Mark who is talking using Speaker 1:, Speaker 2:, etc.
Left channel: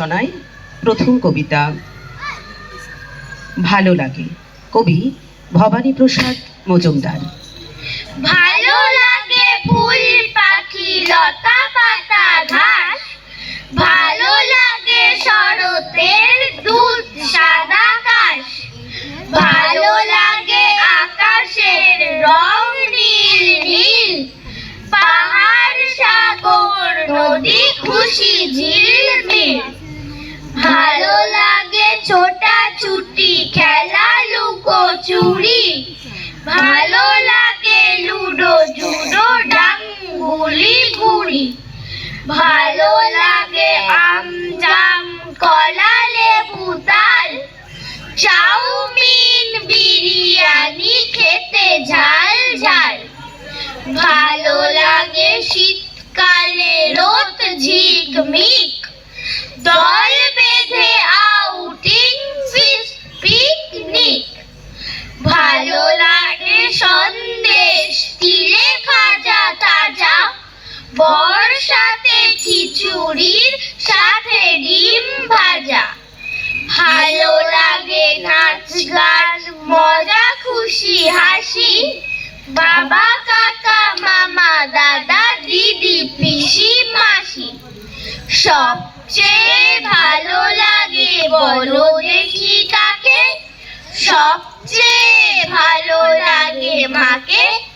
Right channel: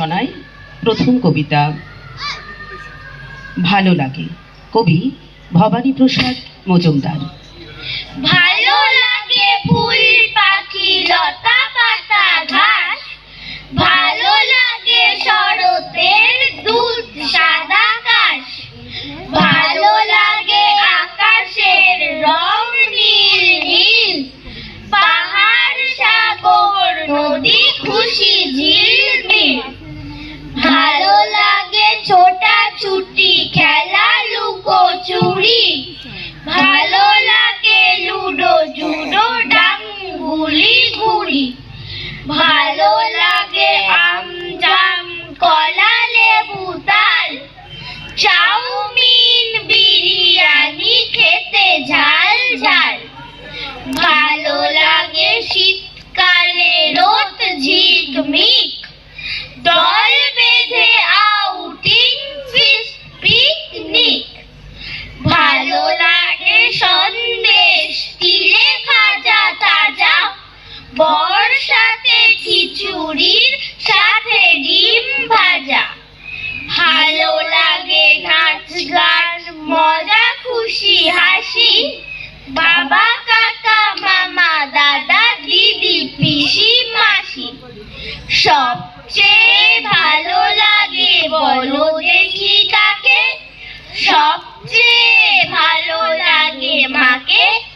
Speaker 1: রচনায় প্রথম কবিতা। ভালো লাগে। কবি ভবানী প্রসাদ মজুমদার।
Speaker 2: ভালো লাগে ফুল পাখি, লতা পাতা ঘাস। ভালো লাগে শরতের দুধ, সাদা কাশ। ভালো লাগে আকাশের রং নীল নীল। পাহাড়, সাগর, নদী, খুশি চুরি। ভালো লাগে লুডো, জুডো, ডাঙ্গুলি, গুড়ি। ভালো লাগে আম, জাম, কলা, লেবু, তাল। চাউমিন, বিরিয়ানি, খেতে ঝাল ঝাল। ভালো লাগে শীতকালে রোদ, ঝিকমিক। খিচুড়ির সাথে ডিম ভাজা। ভালো লাগে নাচ গান, মজা, খুশি, হাসি। বাবা, কাকা, মামা, দাদা, দিদি, পিসি, মাসি। সবচেয়ে ভালো লাগে বলো দেখি কাকে। সবচেয়ে ভালো লাগে মাকে।